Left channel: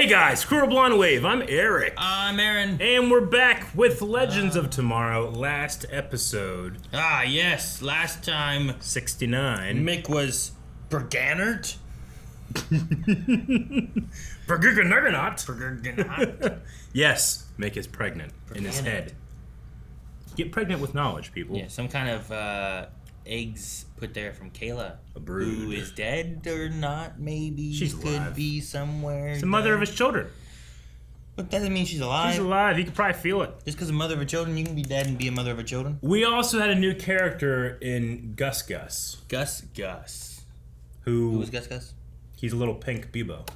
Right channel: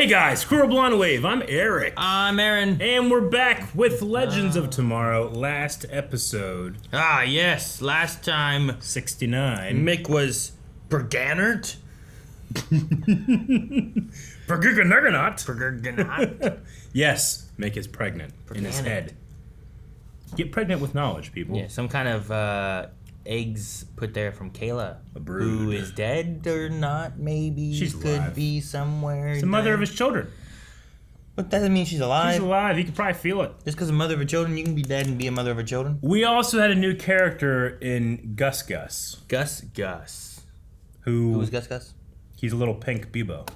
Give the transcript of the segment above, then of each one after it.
Hey guys, Squirrel Blonde Wave, I'm Eric. I'm Aaron. And we're back with Legends of Tomorrow, last episode. Ah, yes, last time 69. Mick was Berganert. Berganert. Yes, Mick is pregnant in his head. Get pregnant with knowledge, people. Yeah, some kind of eggs put there from Kayla. A brood. Who is dead or not, maybe. She's could alive. be somewhere. She's the mother of his children. But that doesn't mean she's alive. She's alive. You can probably feel it. Just because a mother of her children, you can be dead and be a mother of her children. We also had a new character in Gus Gus. Gus Gus. Who was Gus Gus? He's a little pink Bebo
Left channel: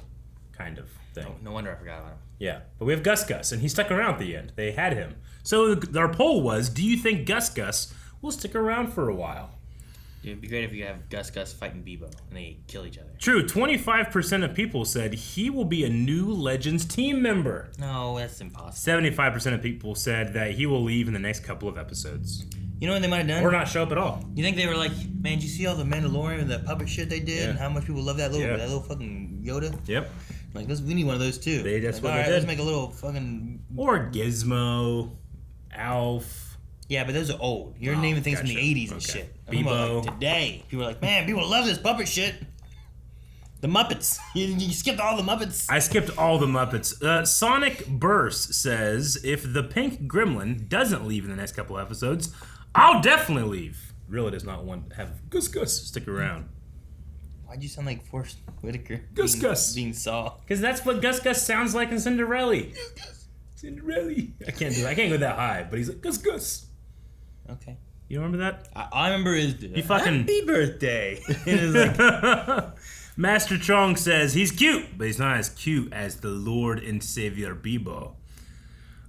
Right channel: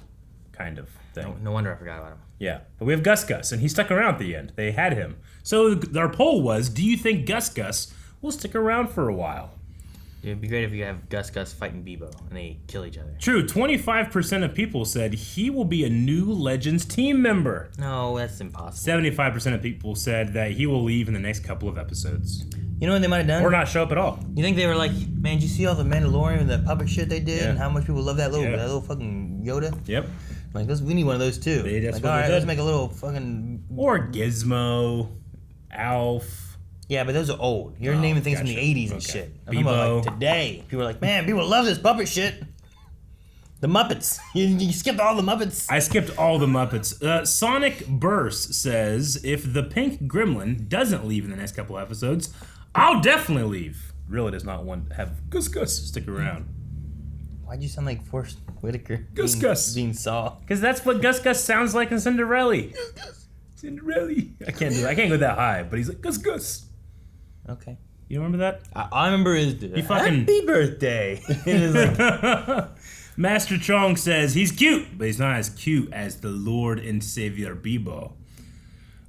kind of thing. No wonder I forgot about him. Yeah, but we have Gus Gus, and he stuck around at the end. They had him. So our poll was, do you think Gus Gus will stick around for a while? It'd be great if you could have Gus Gus fighting Bebo and they kill each other. True, 25% of people said he will be a new Legends team member. No, that's impossible. 75% of people said that he will leave in the next couple of episodes. You know what they might have done? Or not show up at all. You think they were like, man, did you see all the Mandalorian and the puppet shit they did? Yeah. And how much people love that little fucking Yoda? Yep. Like, we need one of those too. That's like, what all right, they let's did. make a little fucking... Or Gizmo, Alf. Yeah, but those are old. You're Oh, naming things from gotcha. the 80s and Okay. shit. I'm talking about, like, today. People are like, man, people love this puppet shit. The Muppets. You skipped all the Muppets. I skipped all the Muppets. Sonic Burst says, if the pink gremlin doesn't leave in the next couple episodes, I'll definitely leave. Really does not want to have Gus Gus stick around. Why'd you sound like Forrest Whitaker? Gus Gus. Being Saw. Because that's what Gus Gus sounds like in Cinderella. Gus Gus. Cinderella. I can't do it. I can't go that high, but he's like, Gus Gus. Okay. You remember that? I remember his happy birthday. It is like... Master Chong says he's cute, but he's not as cute as the Lord and Savior Bebo.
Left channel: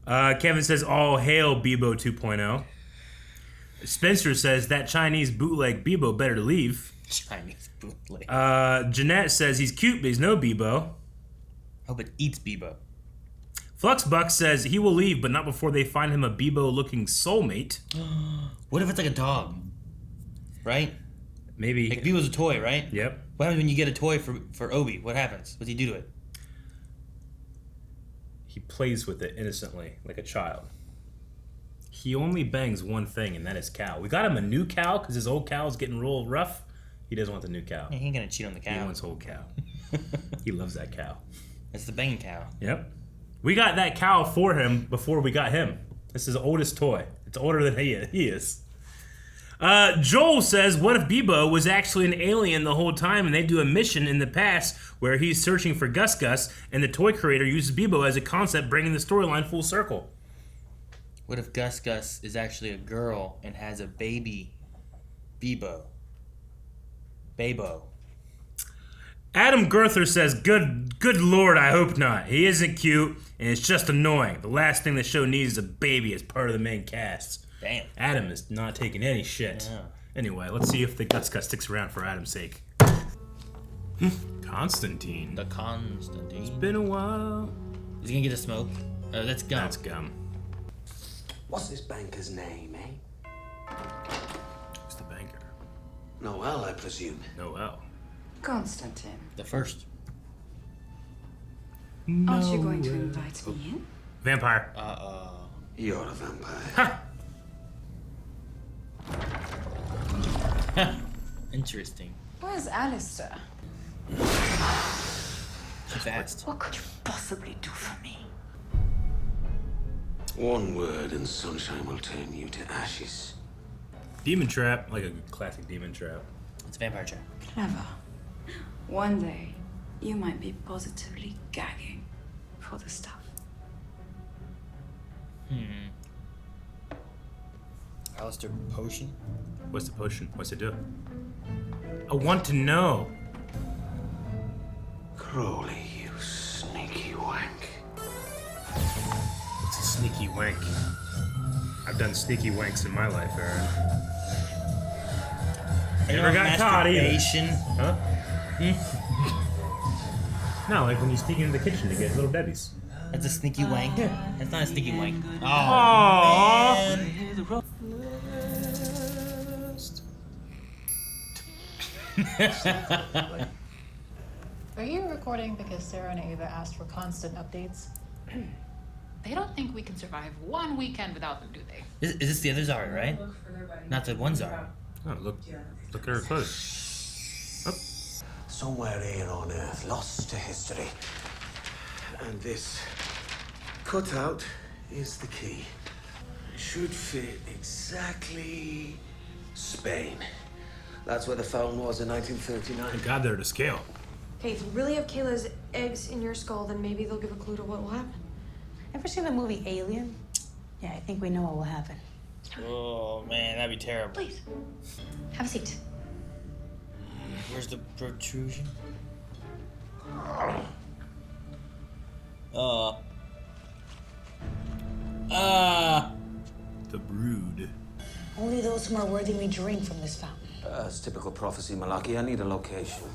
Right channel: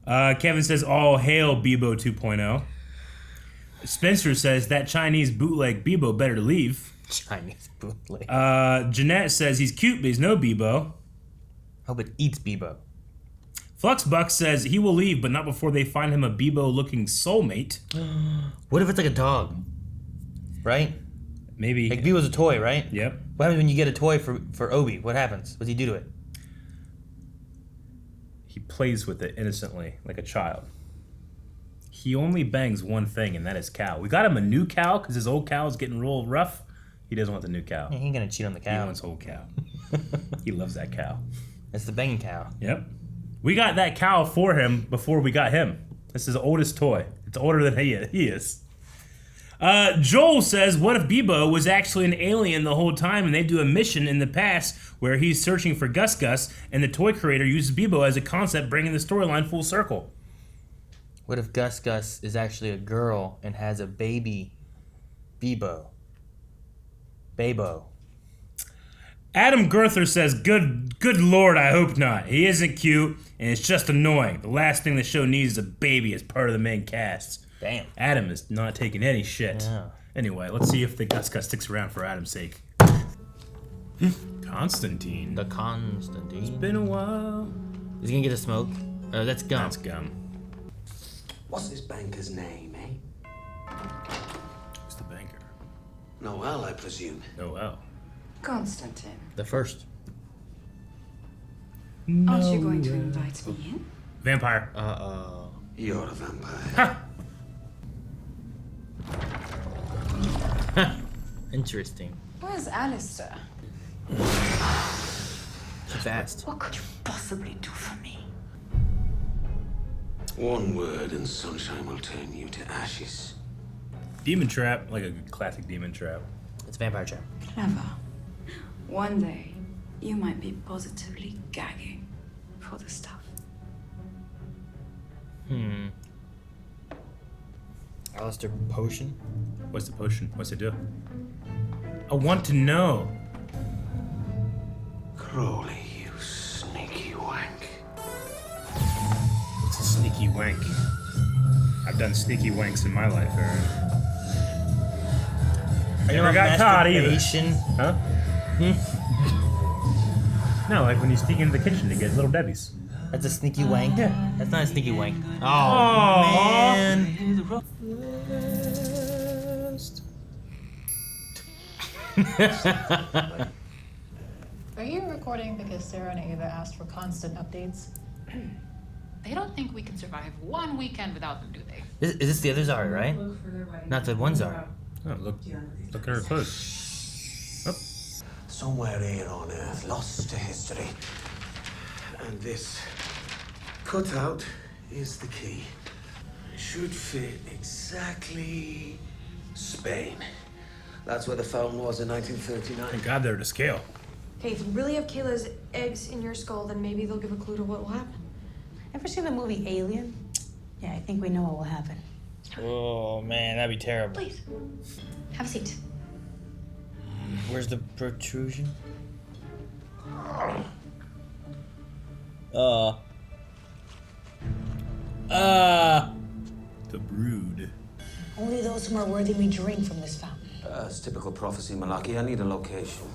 Kevin says, all hail Bebo 2.0. Spencer says that Chinese bootleg Bebo better to leave. Chinese bootleg. Jeanette says he's cute, but he's no Bebo. Hope it eats Bebo. Fluxbuck says he will leave, but not before they find him a Bebo-looking soulmate. What if it's like a dog? Right? Maybe. Like Bebo's a toy, right? Yep. What happens when you get a toy for Obi? What happens? What does he do to it? He plays with it innocently, like a child. He only bangs one thing, and that is cow. We got him a new cow, because his old cow is getting real rough. He doesn't want the new cow. He ain't gonna cheat on the cow. He wants old cow. He loves that cow. It's the banging cow. Yep. We got that cow for him before we got him. This is his oldest toy. It's older than he is. Joel says, what if Bebo was actually an alien the whole time and they do a mission in the past where he's searching for Gus Gus and the toy creator uses Bebo as a concept, bringing the storyline full circle? What if Gus Gus is actually a girl and has a baby Bebo? Babo. Adam Gerther says, good lord, I hope not. He isn't cute, and it's just annoying. The last thing the show needs is a baby as part of the main cast. Damn. Adam is not taking any shit. Yeah. Anyway, let's see if the Gus Gus sticks around for Adam's sake. Constantine. The Constantine. It's been a while. Is he gonna get a smoke? Oh, that's gum. That's gum. What's this banker's name, eh? Who's the banker? Noel, I presume. Noel. Constantine, The first. aren't you going to invite me in? Vampire. You're a vampire. Interesting. Where's Alistair? Too fast. What could you possibly do for me? One word and sunshine will turn you to ashes. Demon Trap, like a classic Demon Trap. It's Vampire Trap. Clever. One day, you might be positively gagging for the stuff. Alistair Potion? What's the potion? What's it do? I want to know. Crowley, you sneaky wank. It's a sneaky wank. I've done sneaky wanks in my life, Aaron. I never got caught either. Masturbation? Huh? No, like when you sneak into the kitchen to get Little Debbie's. That's a sneaky wank? That's not a sneaky wank. Oh, Aww. man. Are you recording because Sarah and Ava asked for constant updates? They don't think we can survive one weekend without them, do they? Is this the other Zari, right? Not the one Zari. Oh, look at her clothes. Somewhere here on Earth, lost to history. And this cutout is the key. It should fit exactly Spain. That's where the fountain was in 1939. Thank God they're to scale. Okay, if you really have Kayla's eggs in your skull, then maybe they'll give a clue to what will happen. Ever seen the movie Alien? Yeah, I think we know what will happen. Oh man, that'd be terrible. Please, have a seat. Where's the protrusion? The brood. Only those who are worthy may drink from this fountain. It's typical prophecy, Malaki. I need a location.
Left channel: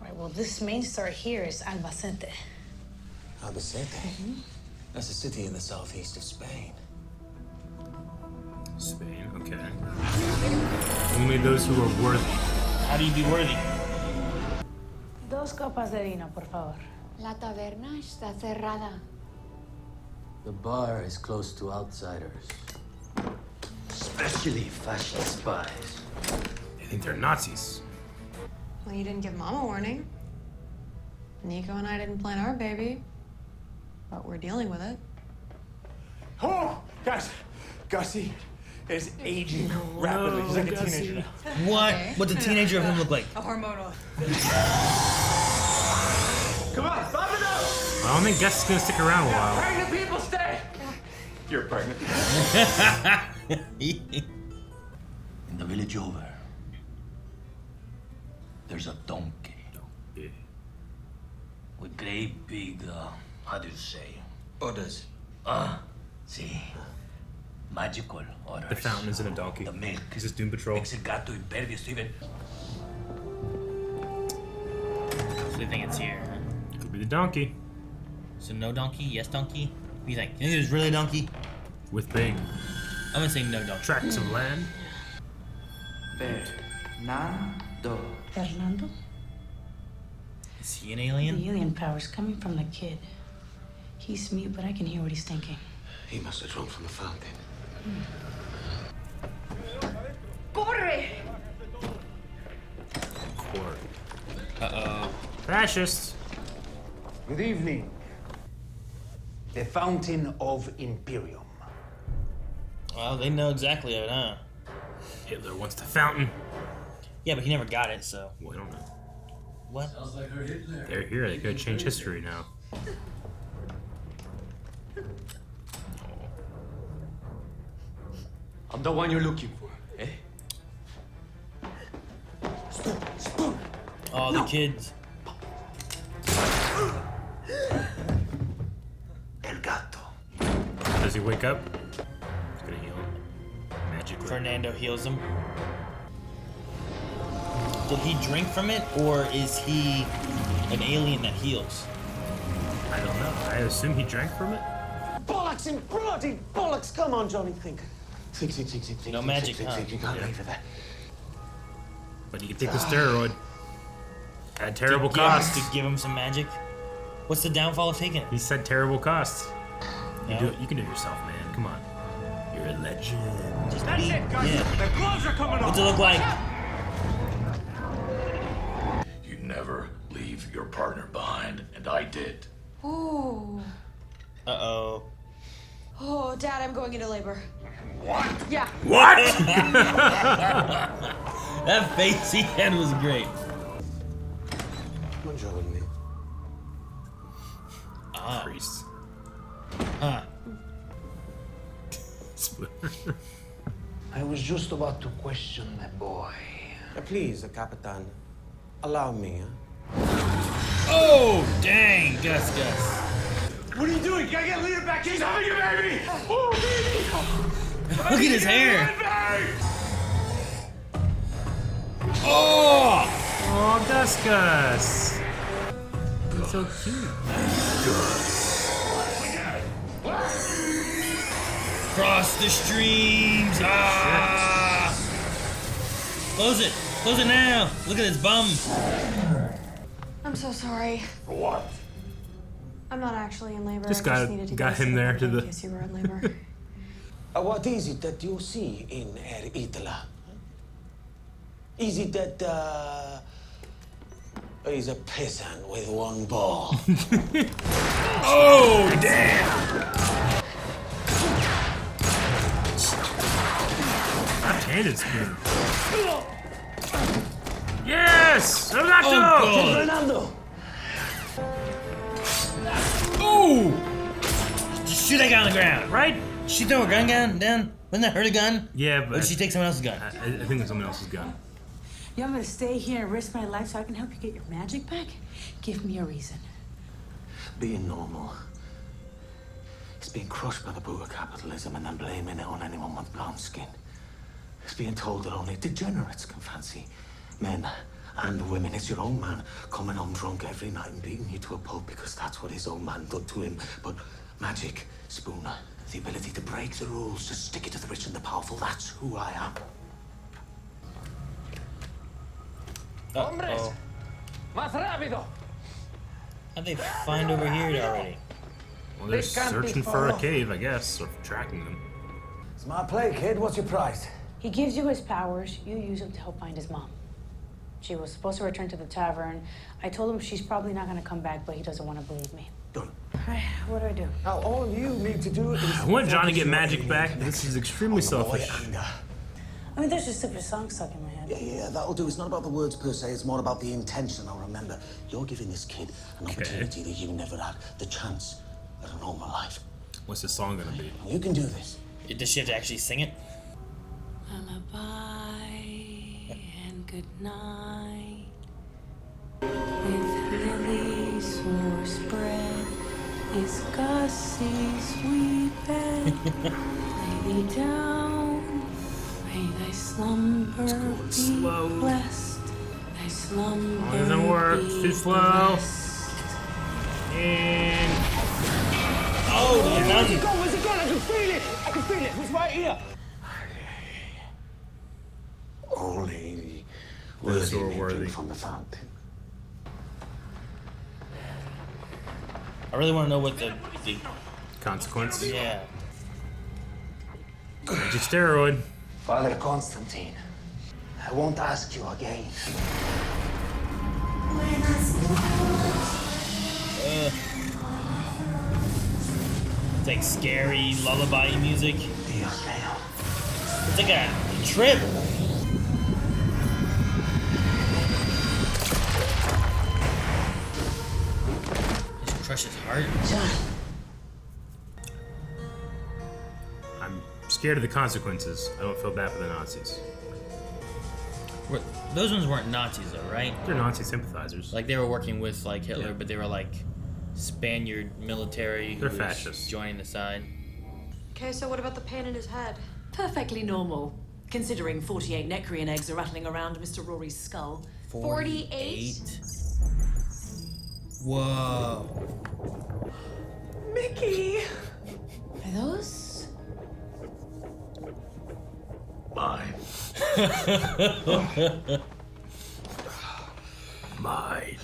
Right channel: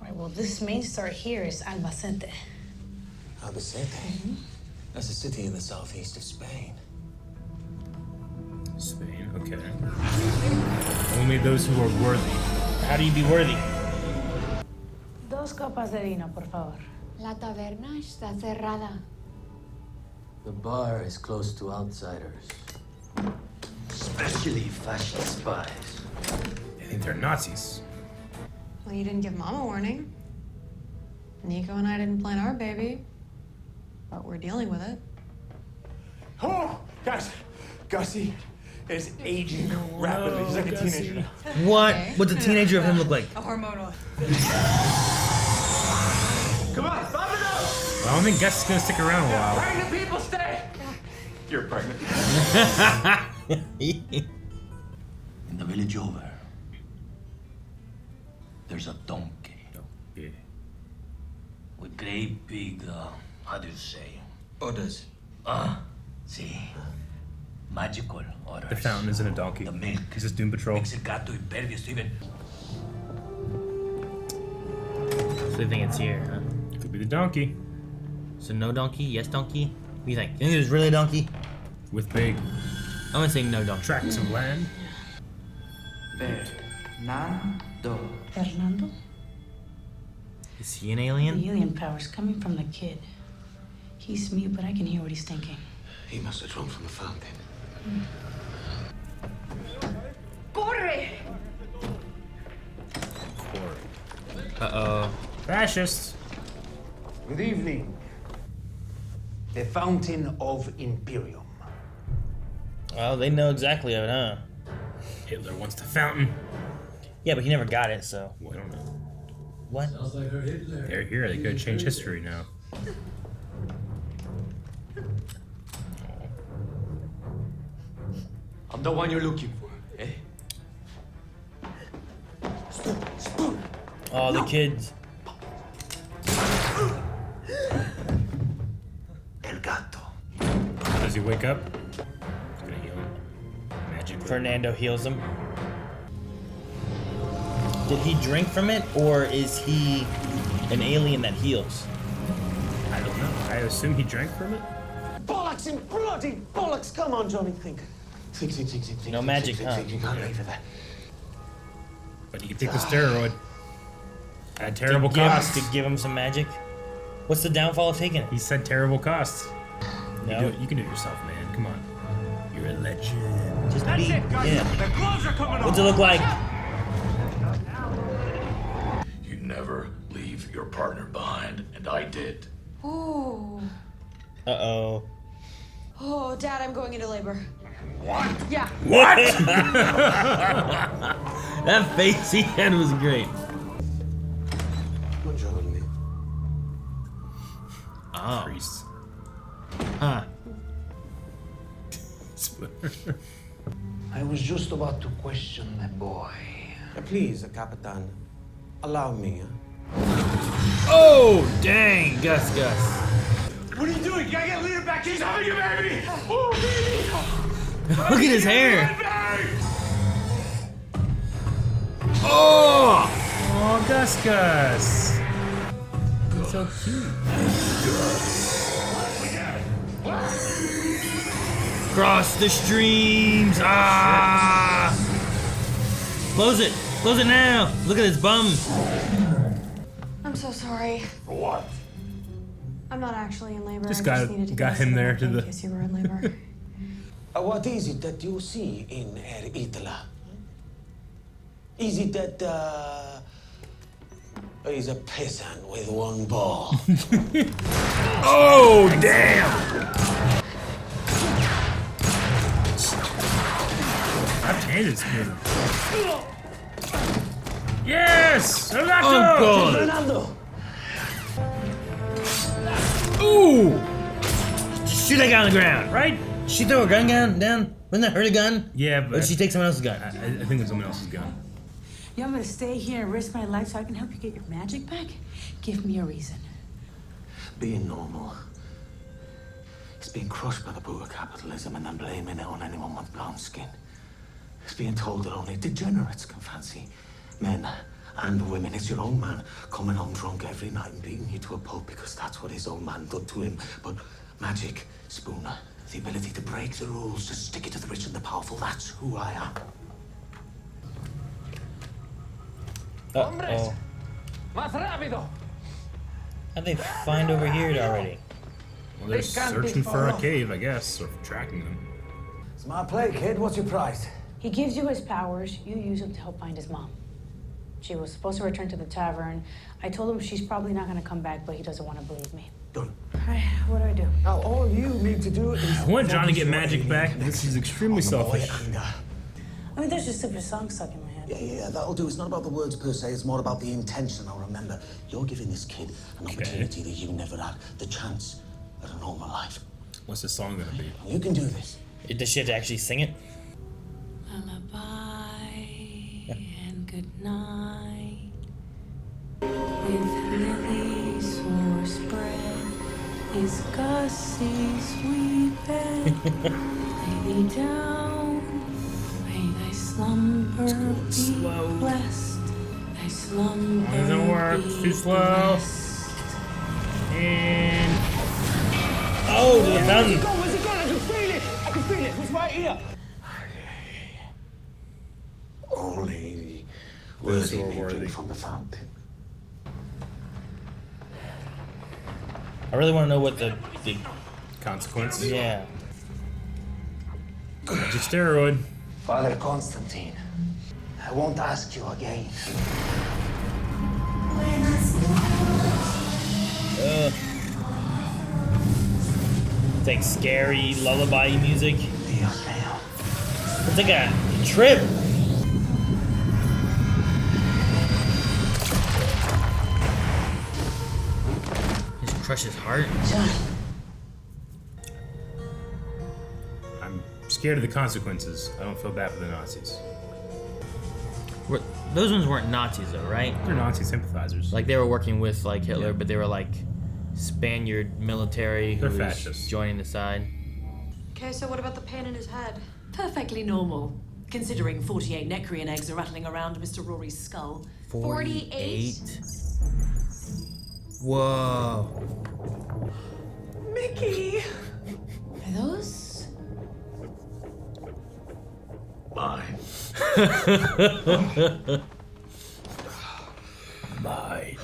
All right, well, this main star here is Albacete. Albacete? That's a city in the southeast of Spain. Spain, okay. Only those who are worthy. How do you be worthy? Dos copas de vino, por favor. La taberna está cerrada. The bar is close to outsiders. Especially fascist spies. They think they're Nazis. Well, you didn't give Mom a warning. Nico and I didn't plan our baby, but we're dealing with it. Oh, guys, Gussie is aging rapidly. He's like a teenager now. What? Okay. What's a teenager of him look like? A hormonal. Come on, pop it up! I don't think Gus is gonna stick around a while. Pregnant people stay! You're pregnant. In the village over, there's a donkey. With great big, how do you say? Orders. See. Magical orders. The fountain isn't a donkey. The milk. This is Doom Patrol. Makes el gato impervious to even. So you think it's here, huh? Could be the donkey. So no donkey, yes donkey? What do you think? You think there's really a donkey? With big I'm gonna say no donkey. tracts of land. Fernando. Fernando? Is he an alien? The alien power's coming from the kid. He's mute, but I can hear what he's thinking. He must have drunk from the fountain. Corre! Uh-oh. Fascist. Good evening. The Fountain of Imperium. Well, they know exactly of it, huh? Hitler wants the fountain. Yeah, but he never got it, so. We don't know. What? They're here. They could change history now. I'm the one you're looking for, eh? Spoon. Oh, the kids. El gato. Does he wake up? He's gonna heal him. Magic. Fernando heals him. Did he drink from it, or is he an alien that heals? I don't know. I assume he drank from it. Bollocks and bloody bollocks! Come on, Johnny, think. Think. No magic, huh? You can't leave it there. But you can take the steroid. At a terrible To give- cost. To give him some magic. What's the downfall of taking it? He said terrible cost. No. You can do it yourself, man. Come on. You're a legend. Just That's me. it, guys! Yeah. The gloves are coming What's it off! look like? You never leave your partner behind, and I did. Oh. Uh-oh. Oh, Dad, I'm going into labor. What? Yeah. That face he had was great. Come on, Johnny. Oh. Priest. Huh. I was just about to question the boy. Please, Capitan, allow me, huh? Oh, dang, Gus. What are you doing? Gotta get Lita back in! She's having your baby! Oh, baby! Look at his hair. Oh, Gus. So cute. Cross the streams. Ah! Close it now. Look at his bum. I'm I'm so sorry. For what? I'm not actually in labor. Just I just needed to got get him there to in the. case you were in labor. What is it that you see in Herr Itala? Is it that, he's a peasant with one ball? Oh, damn! God damn it, man. Yes! Fernando! Ooh! Just shoot that guy on the ground, right? She threw a gun down? Wouldn't that hurt a gun? Yeah, but. Or did she take someone else's gun? I think it's someone else's gun. You want me to stay here and risk my life so I can help you get your magic back? Give me a reason. Being normal. It's being crushed by the boot of capitalism and then blaming it on anyone with brown skin. It's being told that only degenerates can fancy men and women. It's your own man coming home drunk every night and beating you to a pulp because that's what his own man did to him. But magic, Spooner, the ability to break the rules, to stick it to the rich and the powerful, that's who I am. Hombres, más rápido. How'd they find over here already? Well, they're searching for a cave, I guess, or tracking them. It's my play, kid. What's your price? He gives you his powers. You use them to help find his mom. She was supposed to return to the tavern. I told him she's probably not going to come back, but he doesn't want to believe me. Done. What do I do? Now, all you need to do is... I want John to get your magic alien back. connection This is extremely on the boy selfish. and, I mean, there's just stupid song stuck in my head. Yeah, that'll do. It's not about the words per se, it's more about the intention. Now remember, you're giving this kid an opportunity that you never had, the chance at a normal life. What's the song gonna be? You can do this. Does she have to actually sing it? Lullaby and good night. With lilies for spread is Gussie's wee bed. Lay thee down, may thy slumber be blessed. Thy slumber Doesn't work. be Too slow. blessed. And Oh, Where's it gone? Where's it gone? I can feel it. I can feel it. It's right here. Only worthy may drink from the fountain. I really want to know what the consequence. yeah. Magic steroid. Father Constantine, I won't ask you again. It's like scary lullaby music. Dios mío. It's like a trip. Just crush his heart. I'm scared of the consequences. I don't feel bad for the Nazis. Those ones weren't Nazis though, right? They're Nazi sympathizers. Like they were working with like Hitler, but they were like Spaniard military who They're was fascists. joining the side. Okay, so what about the pain in his head? Perfectly normal, considering 48 Necrian eggs are rattling around Mr. Rory's skull. 48? Whoa. Mickey! Are those? Mine. Mine.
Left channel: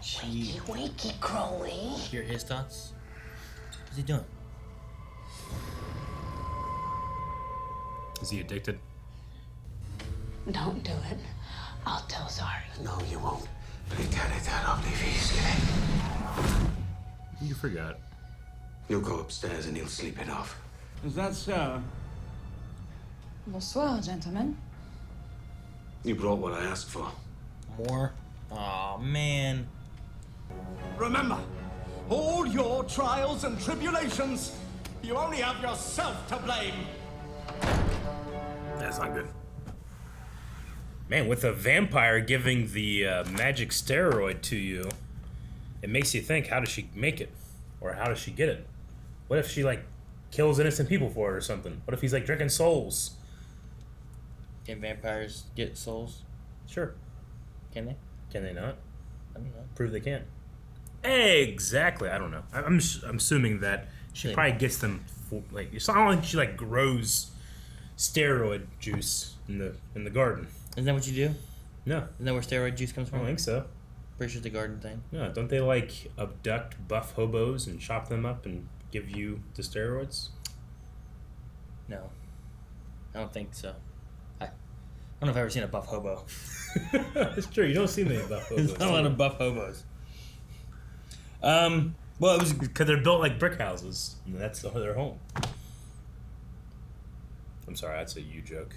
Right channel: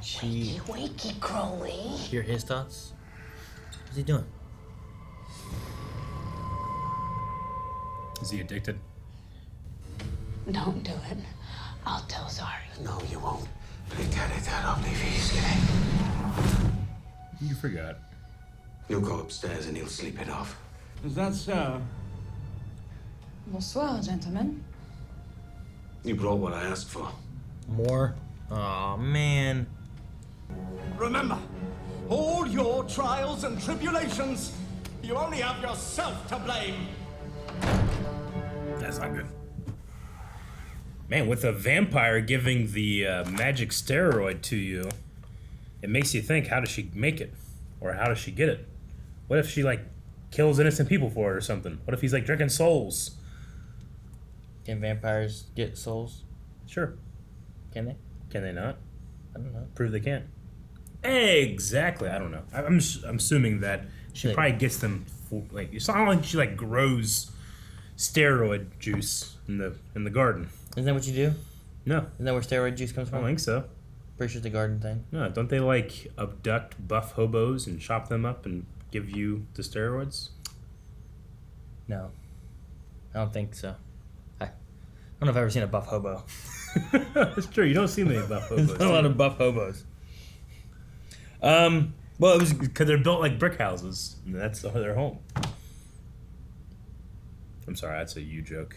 Wakey, wakey, Crowley. Hear his thoughts? What's he doing? Is he addicted? Don't do it. I'll tell Zari. No, you won't. I'll leave you. You forgot. You'll go upstairs and he'll sleep it off. Is that so? Bonsoir, gentlemen. You brought what I asked for. More? Aw, man. Remember, all your trials and tribulations, you only have yourself to blame. That's not good. Man, with a vampire giving the magic steroid to you, it makes you think, how does she make it? Or how does she get it? What if she, like, kills innocent people for it or something? What if he's, like, drinking souls? Can vampires get souls? Sure. Can they? Can they not? I don't know. Prove they can't. Exactly. I don't know. I'm assuming that she probably gets them, like, it's not like she, like, grows steroid juice in the garden. Isn't that what you do? No. Isn't that where steroid juice comes I from? don't think so. Pretty sure it's a garden thing. No, don't they like abduct buff hobos and chop them up and give you the steroids? No. I don't think so. I don't know if I've ever seen a buff hobo. That's true. You don't see many buff hobos. There's not a lot of buff hobos. Well, it was because they're built like brick houses. And that's their home. I'm sorry, that's a you joke.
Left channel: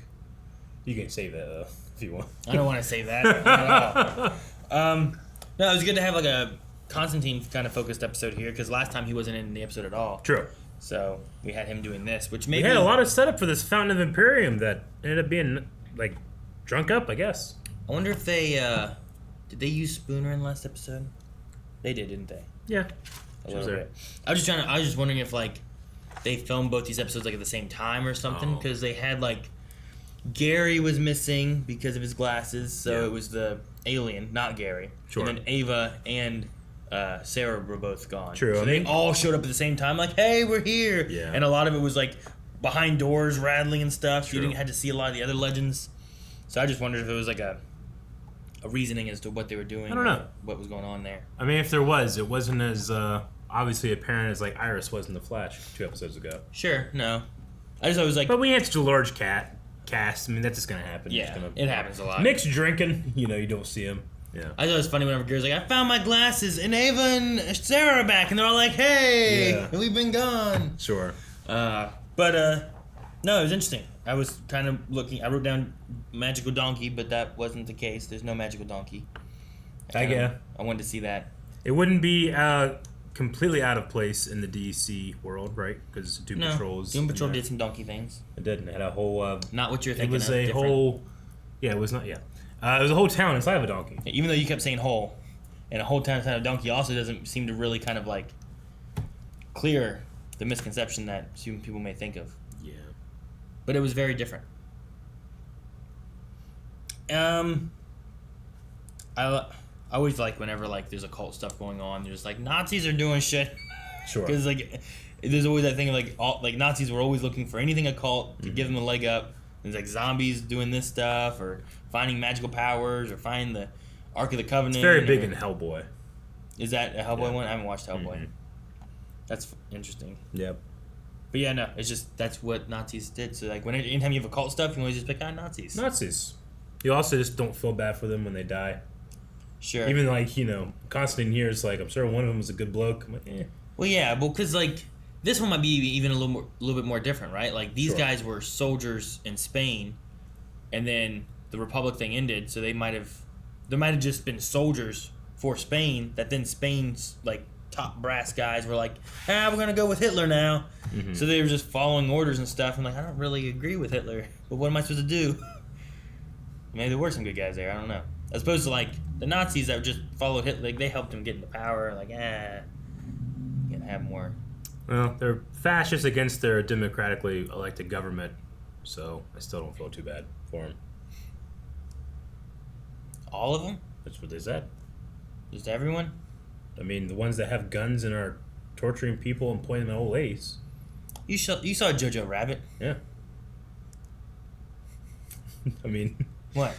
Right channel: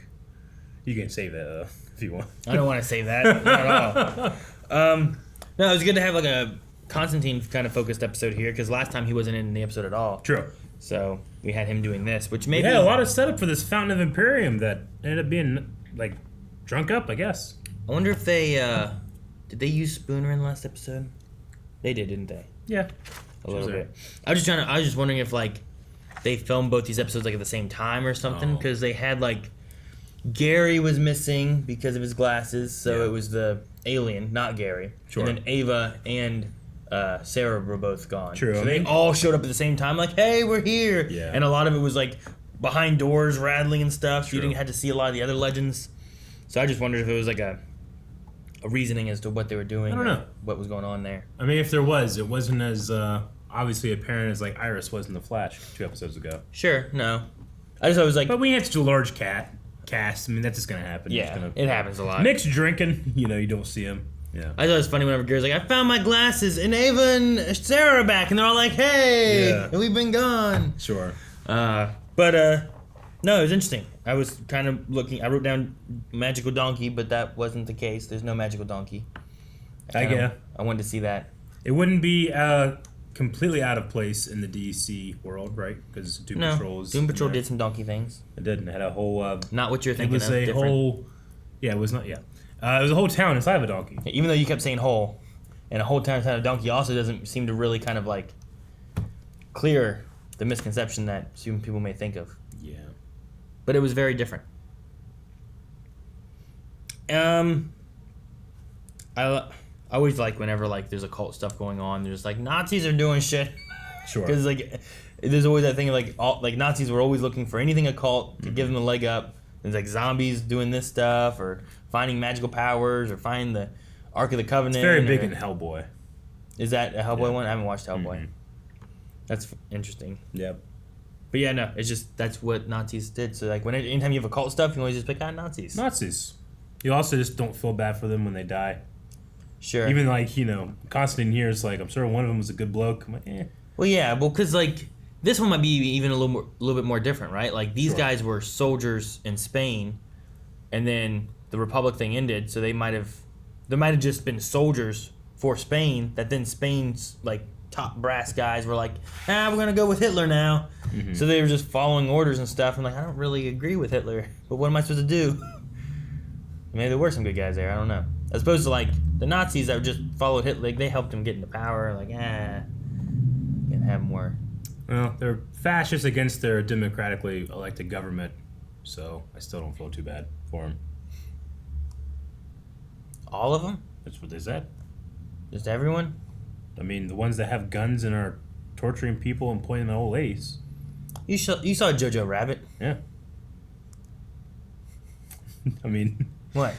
You can save that if you want. I don't want to save that at all. No, it was good to have like a Constantine kind of focused episode here because last time he wasn't in the episode at all. True. So we had him doing this, which maybe a lot of setup for this Fountain of Imperium that ended up being like drunk up, I guess. I wonder if they did they use Spooner in the last episode? They did, didn't they? Yeah. A little bit. I was just wondering if like they filmed both these episodes like at the same time or something because they had like Gary was missing because of his glasses, so it was the alien, not Gary. Sure. And then Ava and Sarah were both gone. True. So they all showed up at the same time, like, "Hey, we're here!" Yeah. And a lot of it was like behind doors, rattling and stuff. So you didn't have to see a lot of the other legends. So I just wondered if it was like a reasoning as to what they were doing. I don't know what was going on there. I mean, if there was, it wasn't as obviously apparent as like Iris was in The Flash 2 episodes ago. Sure. No. I just thought it was like. But we had such a large cast. I mean, that's just gonna happen. Yeah, it happens a lot. Nick's drinking. You know, you don't see him. Yeah. I thought it was funny whenever Gary's like, "I found my glasses, and Ava and Sarah are back," and they're all like, "Hey, we've been gone." Sure. No, it was interesting. I was kind of looking. I wrote down magical donkey, but that wasn't the case. There's no magical donkey. I wanted to see that. It wouldn't be completely out of place in the DC world, right? Because Doom Patrol did some donkey things. It did. It had a whole. Not what you're thinking. It was of, a different. whole. Yeah, it was not. Yeah. It was a whole town inside of a donkey. Even though you kept saying whole, and a whole town inside of a donkey also doesn't seem to really kind of like clear the misconception that some people may think of. Yeah. But it was very different. I always like whenever like there's occult stuff going on. There's like Nazis are doing shit. Sure. Because like there's always that thing of like Nazis were always looking for anything occult to give them a leg up. There's like zombies doing this stuff or finding magical powers or finding the Ark of the Covenant. It's very big in Hellboy. Is that a Hellboy one? I haven't watched Hellboy. Mm-hmm. That's interesting. Yep. But yeah, no, it's just that's what Nazis did. So like anytime you have occult stuff, you can always just pick out Nazis. Nazis. You also just don't feel bad for them when they die. Sure. Even like, you know, Constantine here is like, I'm sure one of them was a good bloke. I'm like, eh. Well, yeah, well, because like this one might be even a little bit more different, right? Like these guys were soldiers in Spain, and then the Republic thing ended, so there might have just been soldiers for Spain. That then Spain's like top brass guys were like, we're gonna go with Hitler now. Mm-hmm. So they were just following orders and stuff. And like, I don't really agree with Hitler, but what am I supposed to do? Maybe there were some good guys there. I don't know. As opposed to like the Nazis that just followed Hitler, like they helped him get into power. Like, you can have more. Well, they're fascists against their democratically elected government, so I still don't feel too bad for them. All of them? That's what they said. Just everyone? I mean, the ones that have guns and are torturing people and pointing at old ladies. You saw Jojo Rabbit? Yeah. I mean... What?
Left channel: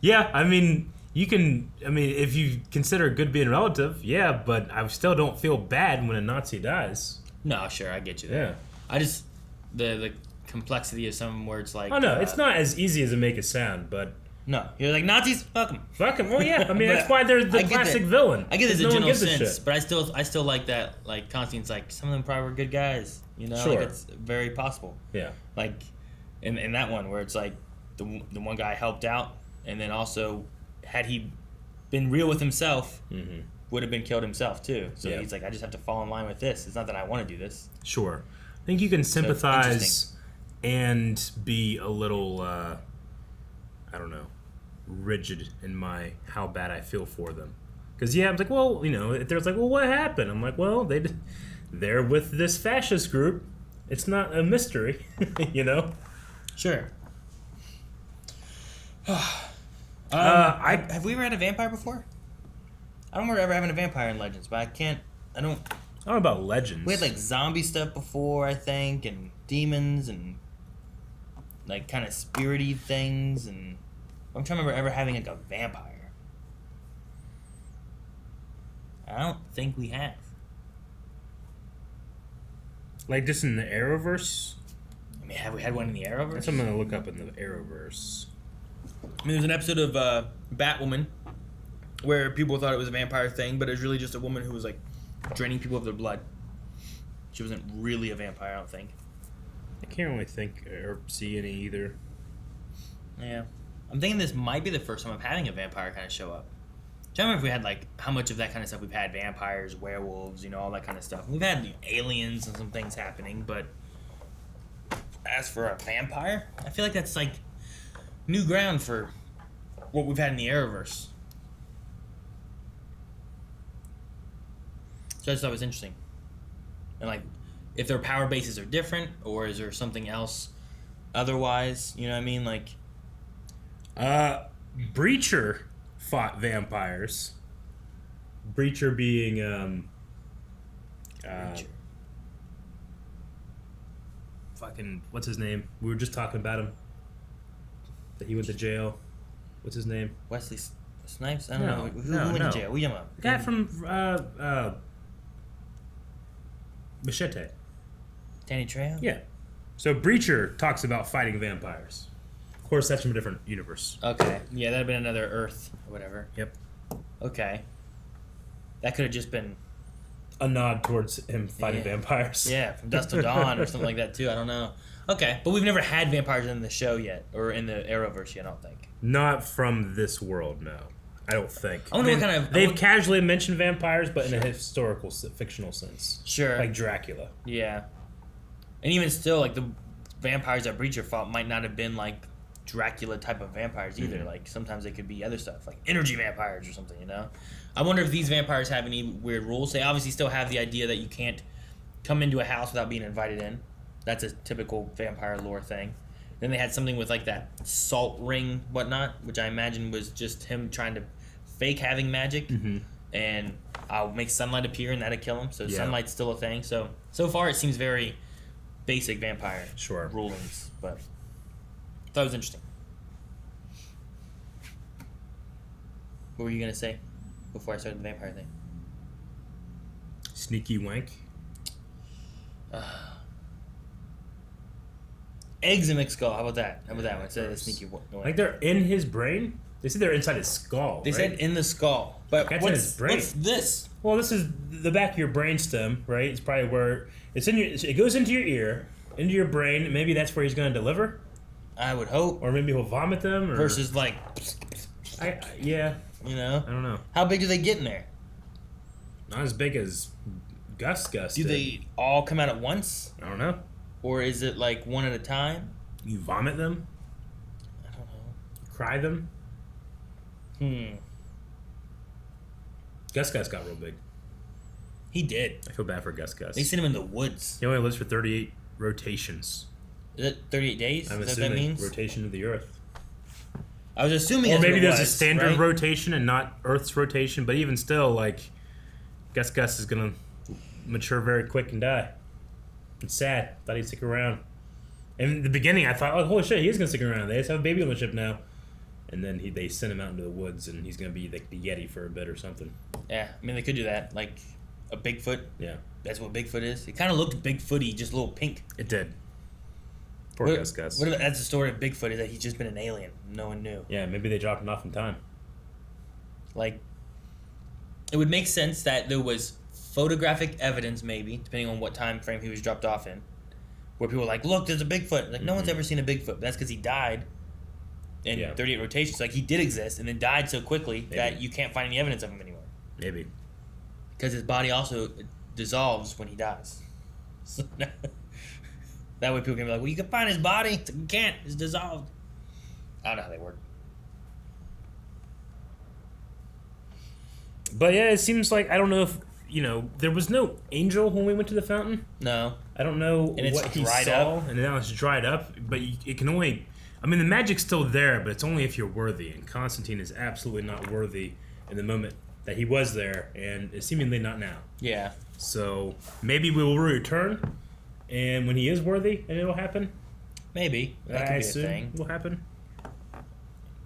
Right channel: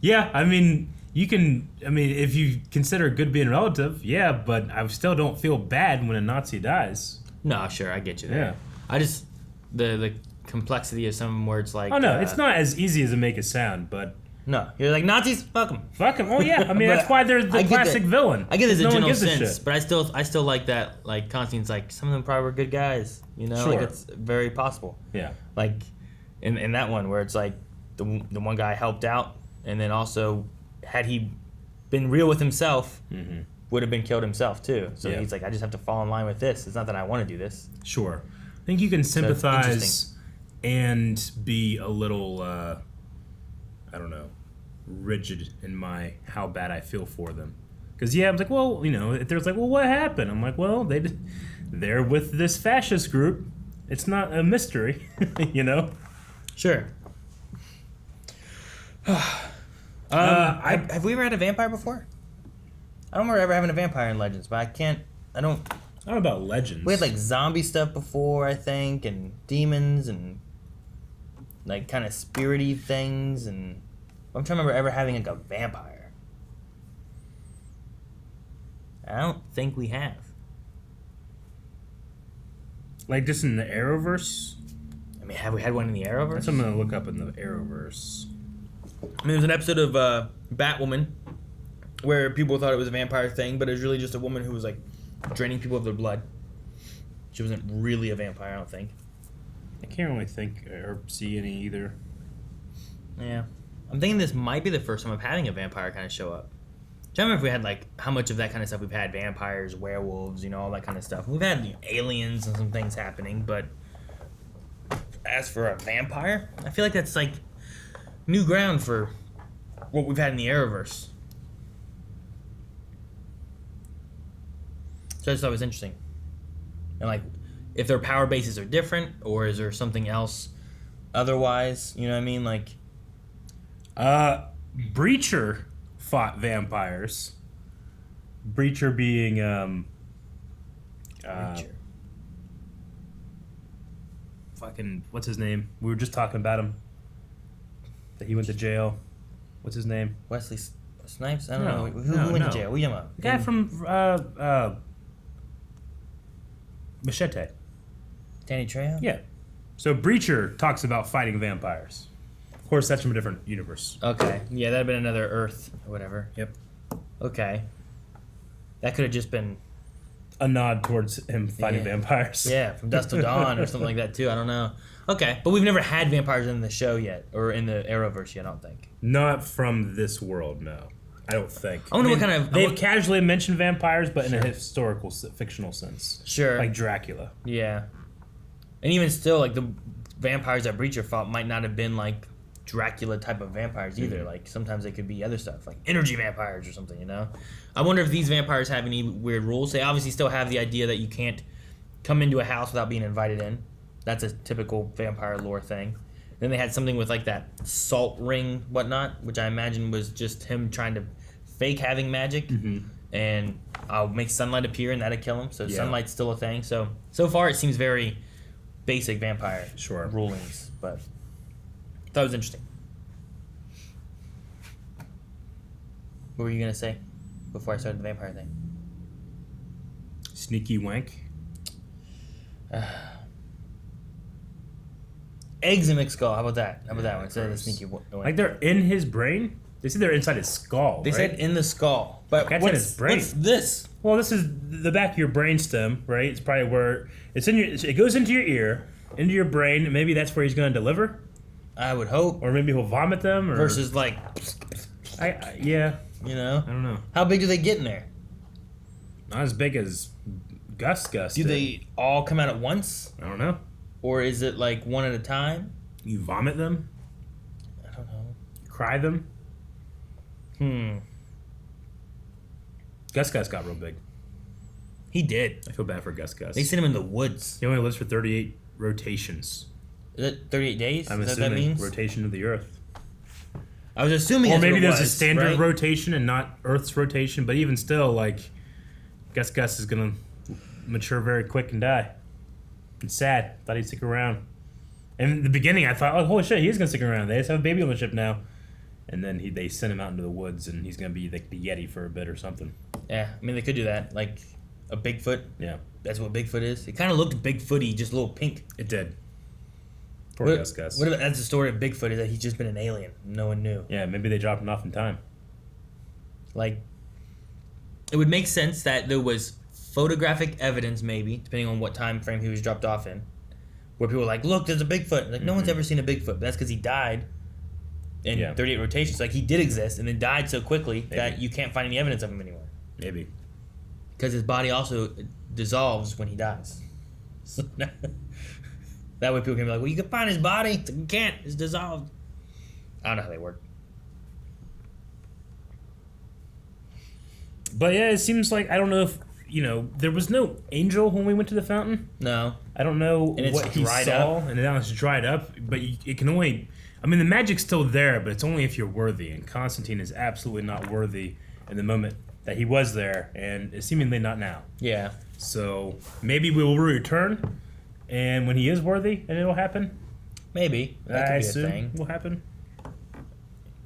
Yeah, I mean, if you consider good being relative, yeah, but I still don't feel bad when a Nazi dies. No, sure, I get you there. Yeah. I just, the complexity of some words like... Oh, no, it's not as easy as it make it sound, but... No, you're like, Nazis? Fuck them. Fuck them. Oh, yeah, I mean, that's why they're the classic villain. I get there's a general sense, but I still like that, like, Constantine's like, some of them probably were good guys, you know? Sure. Like, it's very possible. Yeah. Like, in that one where it's like, the one guy helped out, and then also, had he been real with himself, would have been killed himself too. So he's like, I just have to fall in line with this. It's not that I want to do this. Sure. I think you can sympathize and be a little, I don't know, rigid in how bad I feel for them. Because, I was like, well, you know, if there's like, well, what happened? I'm like, well, they're with this fascist group. It's not a mystery, you know? Sure. Have we ever had a vampire before? I don't remember ever having a vampire in Legends, but I don't know about Legends. We had like zombie stuff before, I think, and demons and like kind of spirity things, and I'm trying to remember ever having like a vampire. I don't think we have. Like just in the Arrowverse? I mean, have we had one in the Arrowverse? That's what I'm gonna look up in the Arrowverse. I mean, there's an episode of Batwoman where people thought it was a vampire thing, but it was really just a woman who was like draining people of their blood. She wasn't really a vampire, I don't think. I can't really think or see any either. Yeah. I'm thinking this might be the first time of having a vampire kind of show up. Do you remember if we had, like, how much of that kind of stuff we've had? Vampires, werewolves, you know, all that kind of stuff. We've had aliens and some things happening, but as for a vampire, I feel like that's, like, new ground for what we've had in the Arrowverse. So I just thought it was interesting. And, like, if their power bases are different, or is there something else otherwise, you know what I mean? Like, Breacher fought vampires. Breacher being fucking what's his name? We were just talking about him. That he went to jail. What's his name? Wesley Snipes? I don't know. Who no, went to jail? What are you talking about? The guy from Machete. Danny Trejo? Yeah. So Breacher talks about fighting vampires. Of course, that's from a different universe. Okay. Yeah, that'd have been another Earth or whatever. Yep. Okay. That could have just been a nod towards him fighting vampires. Yeah, from Dusk Till Dawn or something like that too. I don't know. Okay, but we've never had vampires in the show yet, or in the Arrowverse yet, I don't think. Not from this world, no. I don't think. I wonder what kind of... They've casually mentioned vampires, but in a historical, fictional sense. Sure. Like Dracula. Yeah. And even still, like, the vampires that Breacher fought might not have been, like, Dracula type of vampires either. Mm-hmm. Like, sometimes they could be other stuff, like energy vampires or something, you know? I wonder if these vampires have any weird rules. They obviously still have the idea that you can't come into a house without being invited in. That's a typical vampire lore thing. Then they had something with, like, that salt ring whatnot, which I imagine was just him trying to fake having magic. Mm-hmm. And I'll make sunlight appear and that'll kill him. So yeah. Sunlight's still a thing. So far it seems very basic vampire rulings. But I thought it was interesting. What were you going to say before I started the vampire thing? Sneaky wank. Eggs in McSkull. How about that? How about that one? Instead of the sneaky wank. Like they're in his brain? They said they're inside his skull. They right? said in the skull. But That's in his brain. What's this? Well, this is the back of your brainstem, right? It's probably where it's in your. It goes into your ear, into your brain. Maybe that's where he's going to deliver. I would hope. Or maybe he'll vomit them. Or versus like. Yeah. You know. I don't know. How big do they get in there? Not as big as Gus. Do they all come out at once? I don't know. Or is it like one at a time? You vomit them? I don't know. Cry them? Gus got real big. He did. I feel bad for Gus. They sent him in the woods. He only lives for 38 rotations. Is it 38 days? I'm is assuming that means? rotation of the Earth. I was assuming or that's maybe what it there's was, a standard right? rotation and not Earth's rotation, but even still, like, Gus is gonna mature very quick and die. It's sad. Thought he'd stick around. And in the beginning, I thought, oh, holy shit, he's gonna stick around. They just have a baby on the ship now. And then they send him out into the woods, and he's gonna be like the Yeti for a bit or something. Yeah, I mean, they could do that. Like a Bigfoot. Yeah. That's what Bigfoot is. It kind of looked Bigfooty, just a little pink. It did. Poor Gus. What if that's the story of Bigfoot, is that he's just been an alien. No one knew. Yeah, maybe they dropped him off in time. Like, it would make sense that there was photographic evidence, maybe, depending on what time frame he was dropped off in, where people were like, look, there's a Bigfoot. Like, no one's ever seen a Bigfoot, but that's because he died in 38 rotations. Like, he did exist and then died so quickly that you can't find any evidence of him anymore. Maybe. Because his body also dissolves when he dies. That way people can be like, well, you can find his body. It's like, you can't. It's dissolved. I don't know how they work. But yeah, it seems like, I don't know if, there was no angel when we went to the fountain. No. I don't know and it's what he dried saw. Up. And now it's dried up. But it can only, the magic's still there, but it's only if you're worthy. And Constantine is absolutely not worthy in the moment that he was there, and seemingly not now. Yeah. So maybe we will return, and when he is worthy, and it'll happen. Maybe. That could I be a assume thing. will happen.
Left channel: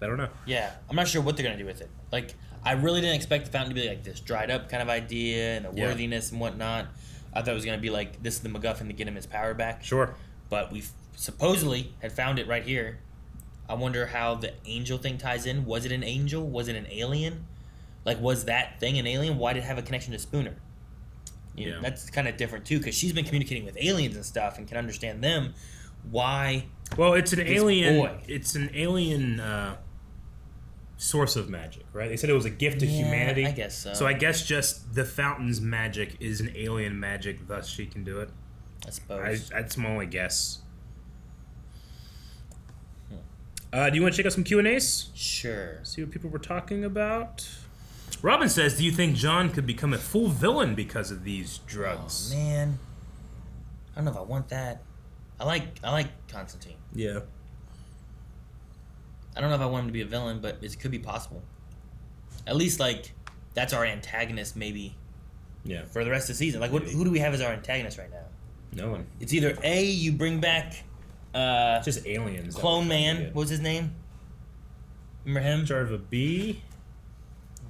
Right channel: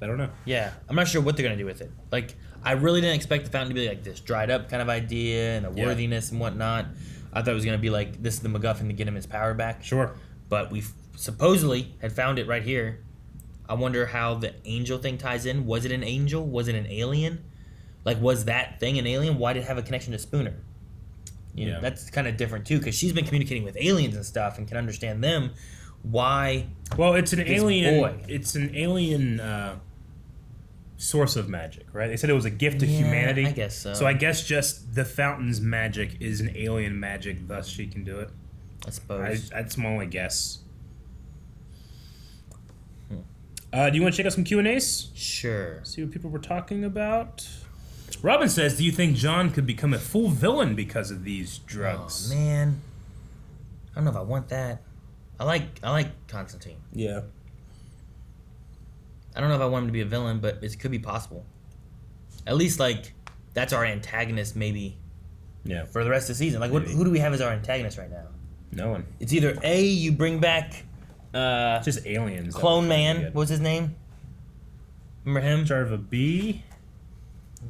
I don't know. Yeah, I'm not sure what they're gonna do with it. Like, I really didn't expect the fountain to be like this dried up kind of idea and the worthiness and whatnot. I thought it was gonna be like this is the MacGuffin to get him his power back. Sure. But we supposedly had found it right here. I wonder how the angel thing ties in. Was it an angel? Was it an alien? Like, was that thing an alien? Why did it have a connection to Spooner? You know, that's kind of different too, because she's been communicating with aliens and stuff and can understand them. Why? Well, it's an alien. Boy? It's an alien source of magic, right? They said it was a gift to humanity. I guess so. So I guess just the fountain's magic is an alien magic, thus she can do it. I suppose. That's my only guess. Do you want to check out some Q&As? Sure. See what people were talking about. Robin says, do you think John could become a full villain because of these drugs? Oh, man. I don't know if I want that. I like Constantine. Yeah. I don't know if I want him to be a villain, but it could be possible. At least, like, that's our antagonist, maybe. Yeah. For the rest of the season. Like, who do we have as our antagonist right now? No one. It's either A, you bring back... just aliens. Clone Man. What was his name? Remember him? Start of a B.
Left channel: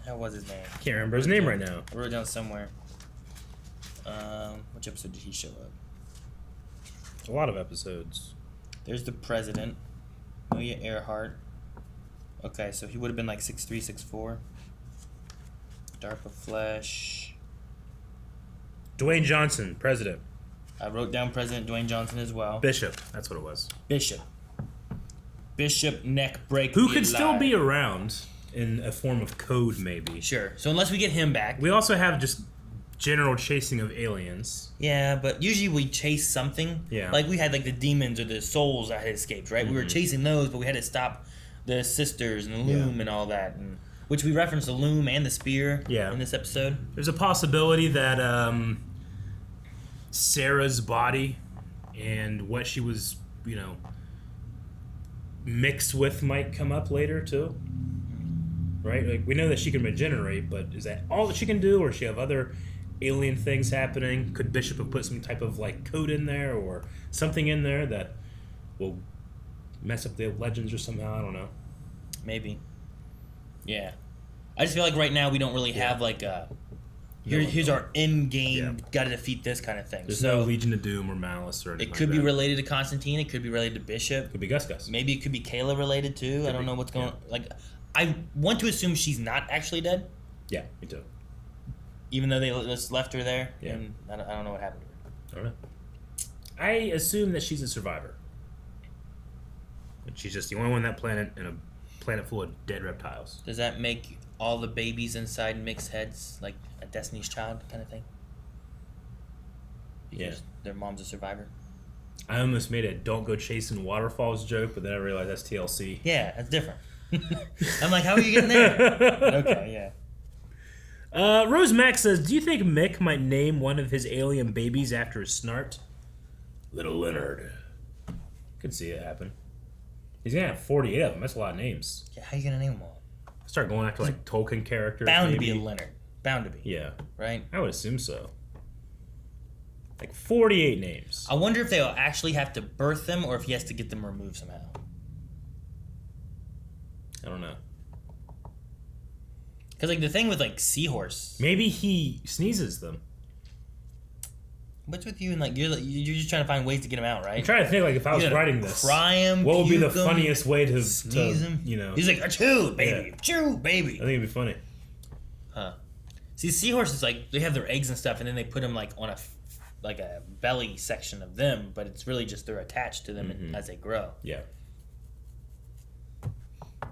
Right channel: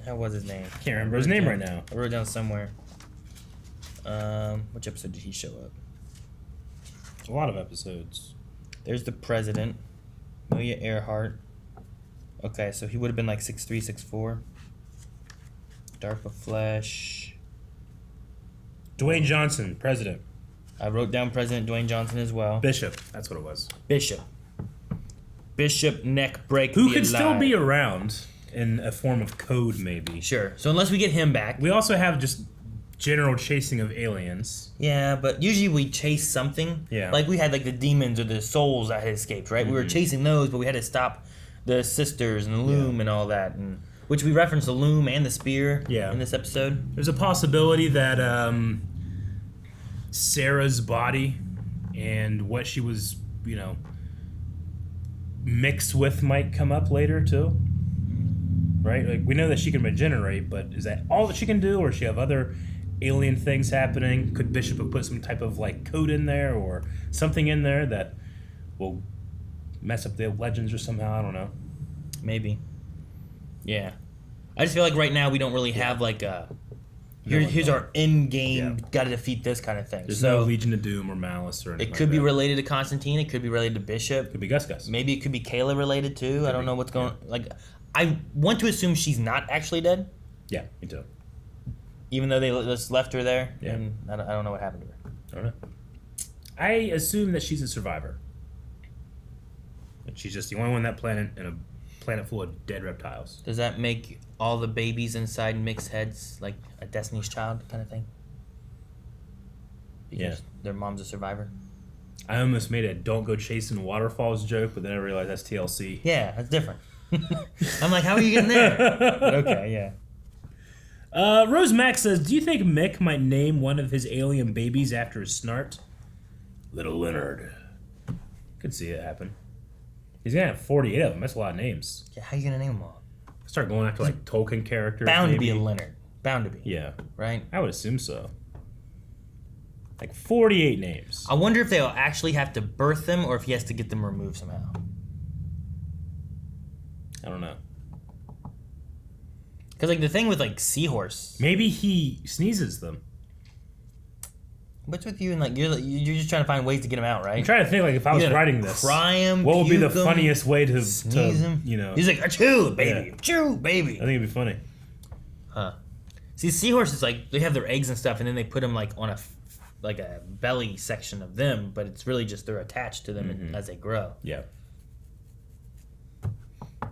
How was his name? Can't remember his name right now. I wrote it down somewhere. Which episode did he show up? A lot of episodes. There's the president. Amelia Earhart. Okay, so he would have been like 6'3", 6'4". DARPA Flesh. Dwayne Johnson, president. I wrote down President Dwayne Johnson as well. Bishop, that's what it was. Bishop neck break. Who could still be around in a form of code, maybe. Sure. So unless we get him back. We also have just general chasing of aliens. Yeah, but usually we chase something. Yeah. Like we had like the demons or the souls that had escaped, right? We were chasing those, but we had to stop the sisters and the loom and all that. And which we referenced the loom and the spear in this episode. There's a possibility that Sarah's body and what she was, mixed with might come up later too. Right? Like we know that she can regenerate, but is that all that she can do, or does she have other alien things happening? Could Bishop have put some type of like code in there or something in there that will mess up the legends or somehow? I don't know. Maybe. Yeah. I just feel like right now we don't really have like a here's our end game, gotta defeat this kind of thing. There's no Legion of Doom or Malice or anything. It could be related to Constantine, it could be related to Bishop. Could be Gus. Maybe it could be Kayla related too. I don't know what's going I want to assume she's not actually dead. Yeah, me too. Even though they just left her there. Yeah. And I don't know what happened to her. I don't know. I assume that she's a survivor. And she's just the only one on that planet in a planet full of dead reptiles. Does that make all the babies inside mixed heads like a Destiny's Child kind of thing? Because their mom's a survivor? I almost made a don't go chasing waterfalls joke, but then I realized that's TLC. Yeah, that's different. I'm like, how are you getting there? But okay, yeah. Rose Max says, do you think Mick might name one of his alien babies after his snart? Little Leonard. Could see it happen. He's gonna have 48 of them. That's a lot of names. Yeah, how are you gonna name them all? Start going after like Tolkien characters. Bound maybe. to be a Leonard. Bound to be. Yeah. Right? I would assume so. Like 48 names. I wonder if they'll actually have to birth them or if he has to get them removed somehow. I don't know. Because like the thing with like Seahorse. Maybe he sneezes them. What's with you and like you're just trying to find ways to get him out, right? I'm trying to think like if I was writing this, cry him, what would be the puke him, funniest way to sneeze him? He's like achoo, baby, achoo, baby. I think it'd be funny. Huh? See, seahorses like they have their eggs and stuff, and then they put them like on a belly section of them, but it's really just they're attached to them as they grow. Yeah.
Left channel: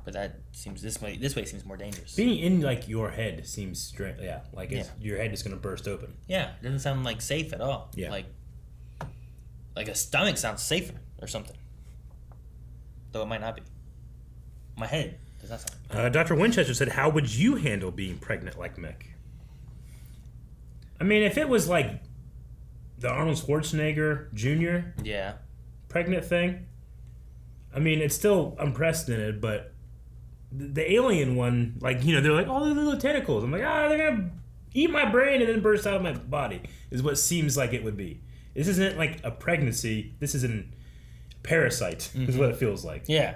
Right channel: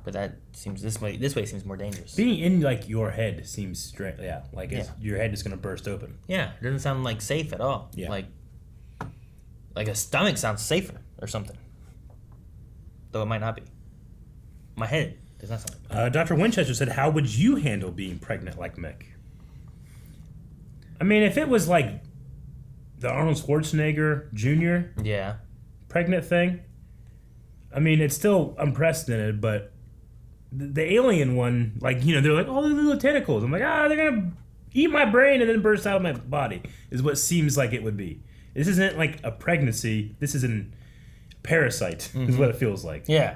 But that seems this way seems more dangerous. Being in like your head seems straight. Yeah, like your head is gonna burst open. Yeah, it doesn't sound like safe at all. Yeah. Like a stomach sounds safer or something. Though it might not be. My head does not sound like Dr. Winchester said, how would you handle being pregnant like Mick? I mean, if it was like the Arnold Schwarzenegger Jr. Pregnant thing, I mean, it's still unprecedented, but the alien one, like, they're like, oh, the little tentacles. I'm like, they're going to eat my brain and then burst out of my body, is what seems like it would be. This isn't like a pregnancy. This is a parasite is what it feels like. Yeah.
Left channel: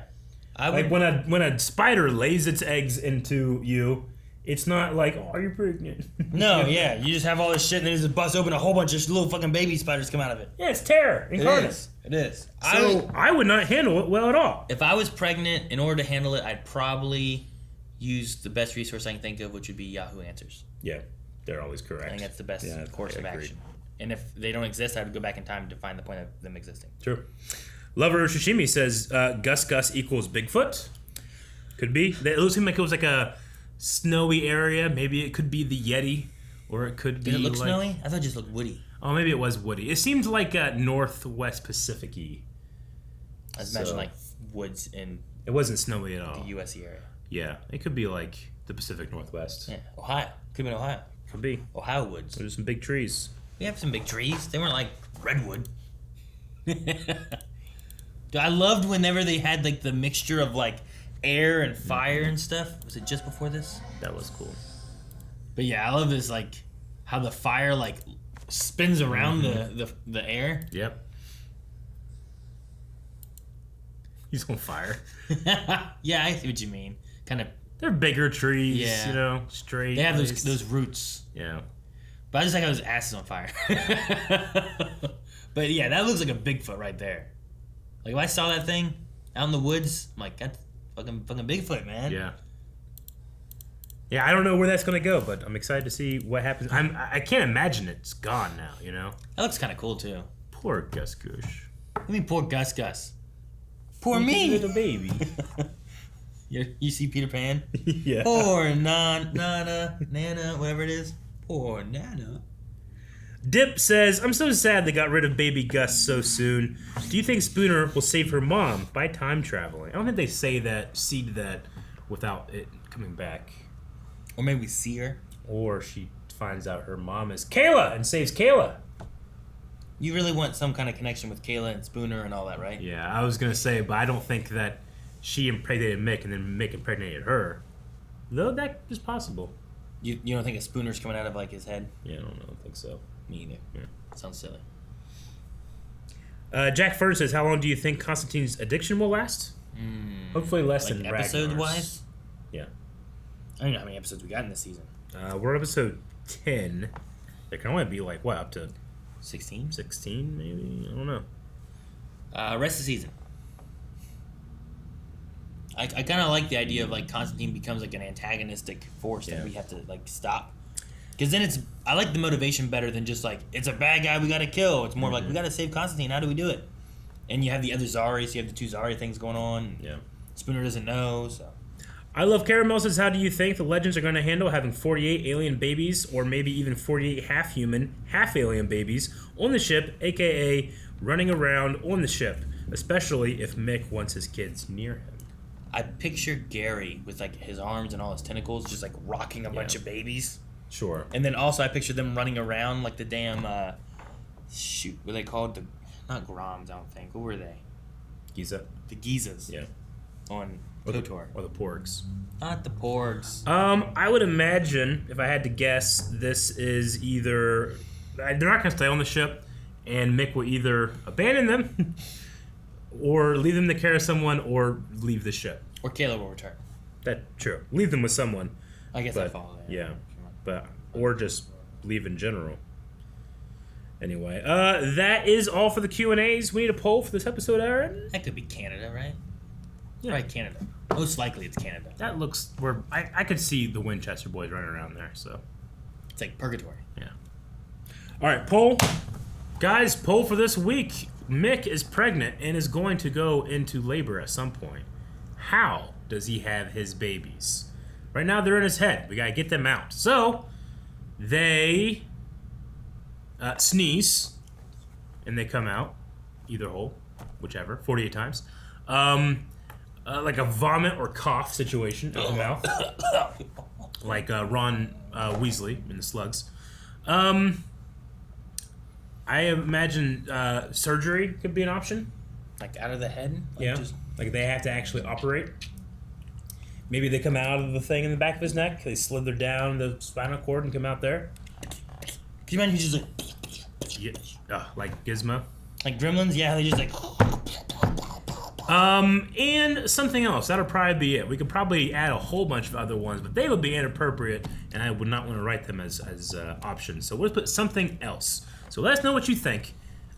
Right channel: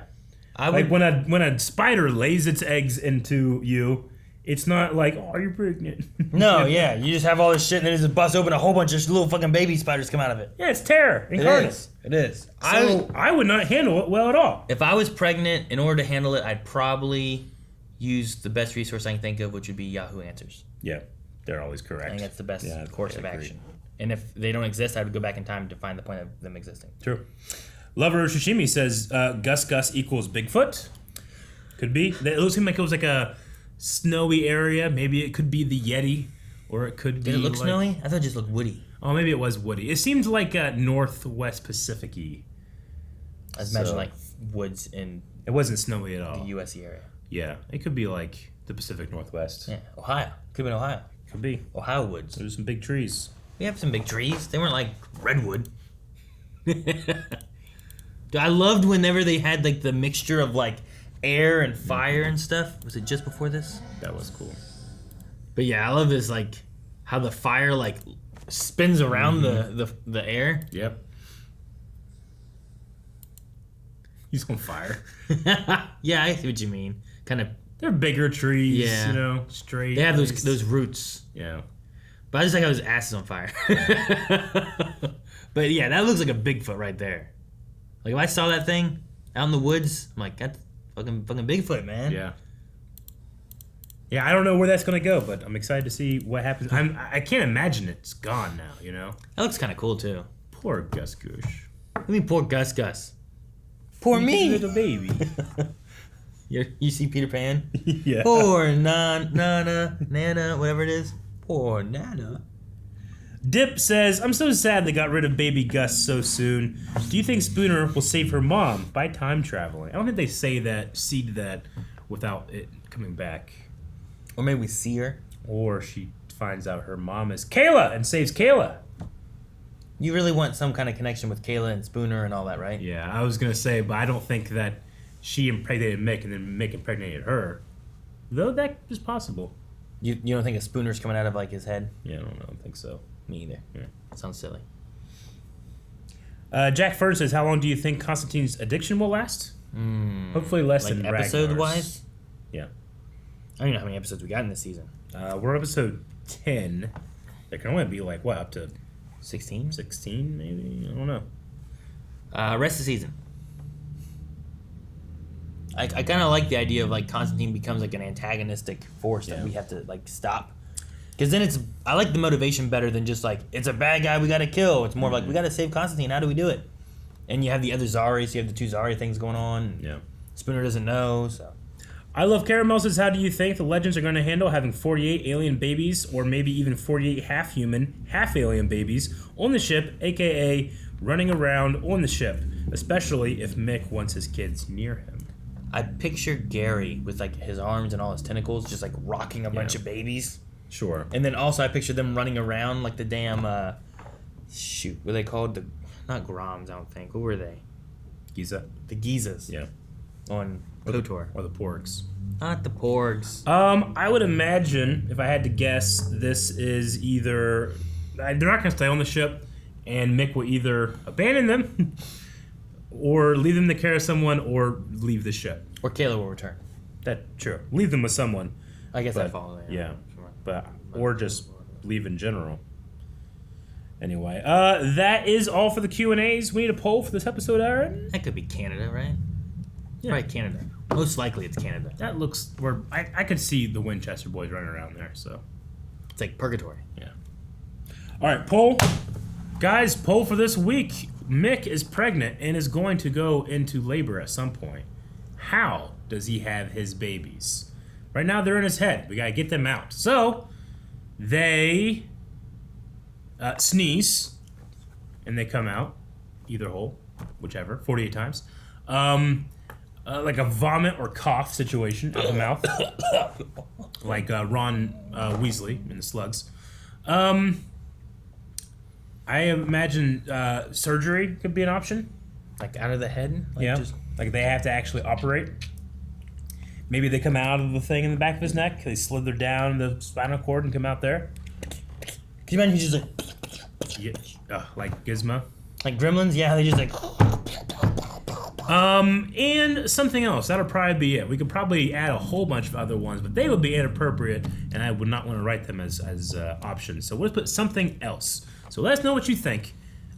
Like when a spider lays its eggs into you, it's not like, oh, you're pregnant. No, yeah. You just have all this shit and then just bust open a whole bunch of little fucking baby spiders come out of it. Yeah, it's terror incarnate. It is. So I would not handle it well at all. If I was pregnant, in order to handle it, I'd probably use the best resource I can think of, which would be Yahoo Answers. Yeah, they're always correct. I think that's the best course of action. And if they don't exist, I would go back in time to find the point of them existing. True. Lover Shishimi says Gus equals Bigfoot. Could be. It looks like it was like a snowy area. Maybe it could be the Yeti, or it could be. Did it look snowy? I thought it just looked woody. Oh, maybe it was woody. It seemed like Northwest Pacific-y. I was imagining like woods in. It wasn't snowy at all. The U.S. area. Yeah, it could be like the Pacific Northwest. Yeah, Ohio. Could be in Ohio. Could be. Ohio woods. There's some big trees. We have some big trees. They weren't like redwood. I loved whenever they had like the mixture of like air and fire and stuff. Was it just before this? That was cool. But yeah, I love this like how the fire like spins around the air. Yep. He's on fire. Yeah, I see what you mean. Kind of. They're bigger trees. Yeah. You know, straight. They have those roots. Yeah. But I just like how his ass is on fire. But yeah, that looks like a Bigfoot right there. Like if I saw that thing out in the woods, I'm like, that's fucking Bigfoot, man. Yeah. Yeah, I don't know where that's gonna go, but I'm excited to see what happens. I can't imagine it's gone now. You know. That looks kind of cool too. Poor Gus Goosh. I mean, poor Gus. Poor me. Little baby. You see Peter Pan? Yeah. Poor Nana, whatever it is. Poor Nana. Dip says, I'm so sad they got rid of baby Gus so soon. Do you think Spooner will save her mom by time traveling? I don't think they seed that without it coming back. Or maybe we see her. Or she finds out her mom is Kayla and saves Kayla. You really want some kind of connection with Kayla and Spooner and all that, right? Yeah, I was going to say, but I don't think that she impregnated Mick and then Mick impregnated her. Though that is possible. You don't think a Spooner's coming out of like his head? Yeah, I don't think so. Me either. Yeah. Sounds silly. Jack Fern says, how long do you think Constantine's addiction will last? Hopefully less like than episode-wise? Yeah. I don't know how many episodes we got in this season. We're episode 10. There can only be like, what, up to 16? 16, maybe? I don't know. Rest of the season. I kind of like the idea of like Constantine becomes like an antagonistic force that we have to like stop. Because then I like the motivation better than just like, it's a bad guy we gotta kill. It's more like, we gotta save Constantine. How do we do it? And you have the other Zaris. You have the two Zari things going on. Yeah. Spooner doesn't know, so. I Love Caramel says, how do you think the Legends are going to handle having 48 alien babies or maybe even 48 half-human, half-alien babies on the ship, a.k.a. running around on the ship, especially if Mick wants his kids near him? I picture Gary with like his arms and all his tentacles just like rocking a bunch of babies. Sure. And then also I picture them running around like the damn, what are they called? Not Groms, I don't think. What were they? Giza. The Gizas. Yeah. On Or KOTOR. the Porgs. Not the Porgs. I would imagine, if I had to guess, this is either... They're not going to stay on the ship, and Mick will either abandon them, or leave them to care of someone, or leave the ship. Or Kayla will return. True. Leave them with someone. I guess I'd follow that. Yeah. Or just leave in general. Anyway, that is all for the Q&As. We need a poll for this episode, Aaron. That could be Canada, right? Yeah. Right, Canada. Most likely it's Canada. That looks where I could see the Winchester boys running around there, so. It's like purgatory. Yeah. Alright, poll. Guys, poll for this week. Mick is pregnant and is going to go into labor at some point. How does he have his babies? Right now they're in his head. We gotta get them out. So they sneeze and they come out, either hole, whichever, 48 times. Like a vomit or cough situation out of the mouth, like Ron Weasley in the Slugs. I imagine surgery could be an option. Like out of the head? Like Yeah, like they have to actually operate. Maybe they come out of the thing in the back of his neck. They slither down the spinal cord and come out there. Can you imagine he's just like... Yeah, like Gizmo? Like Gremlins? Yeah, they just like... And something else. That'll probably be it. We could probably add a whole bunch of other ones, but they would be inappropriate, and I would not want to write them as options. So we'll put something else. So let us know what you think.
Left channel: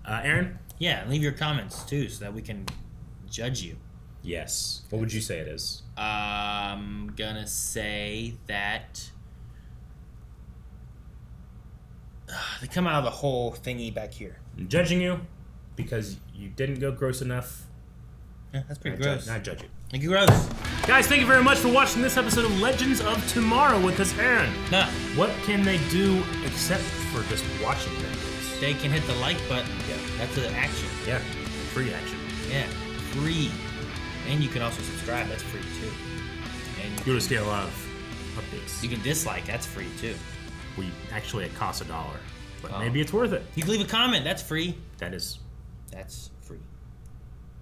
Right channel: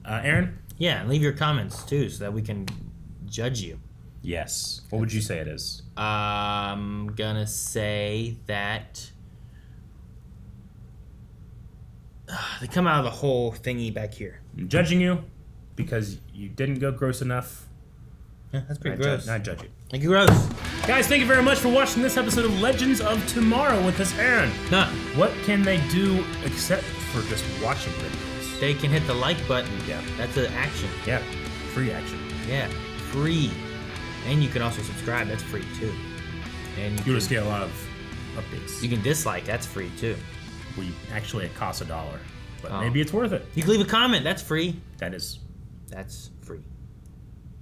Aaron? Yeah, leave your comments, too, so that we can judge you. Yes. What would you say it is? I'm gonna say that they come out of the whole thingy back here. I'm judging you because you didn't go gross enough. Yeah, that's pretty gross. Not judge you. Thank you, gross. Guys, thank you very much for watching this episode of Legends of Tomorrow with us, Aaron. Nah. What can they do except for just watching videos? They can hit the like button. Yeah. That's an action. Yeah. Free action. Yeah. Free. And you can also subscribe. That's free, too. And you want to get a lot of updates. You can dislike. That's free, too. Actually, it costs $1. But Oh. maybe it's worth it. You can leave a comment. That's free. That's free.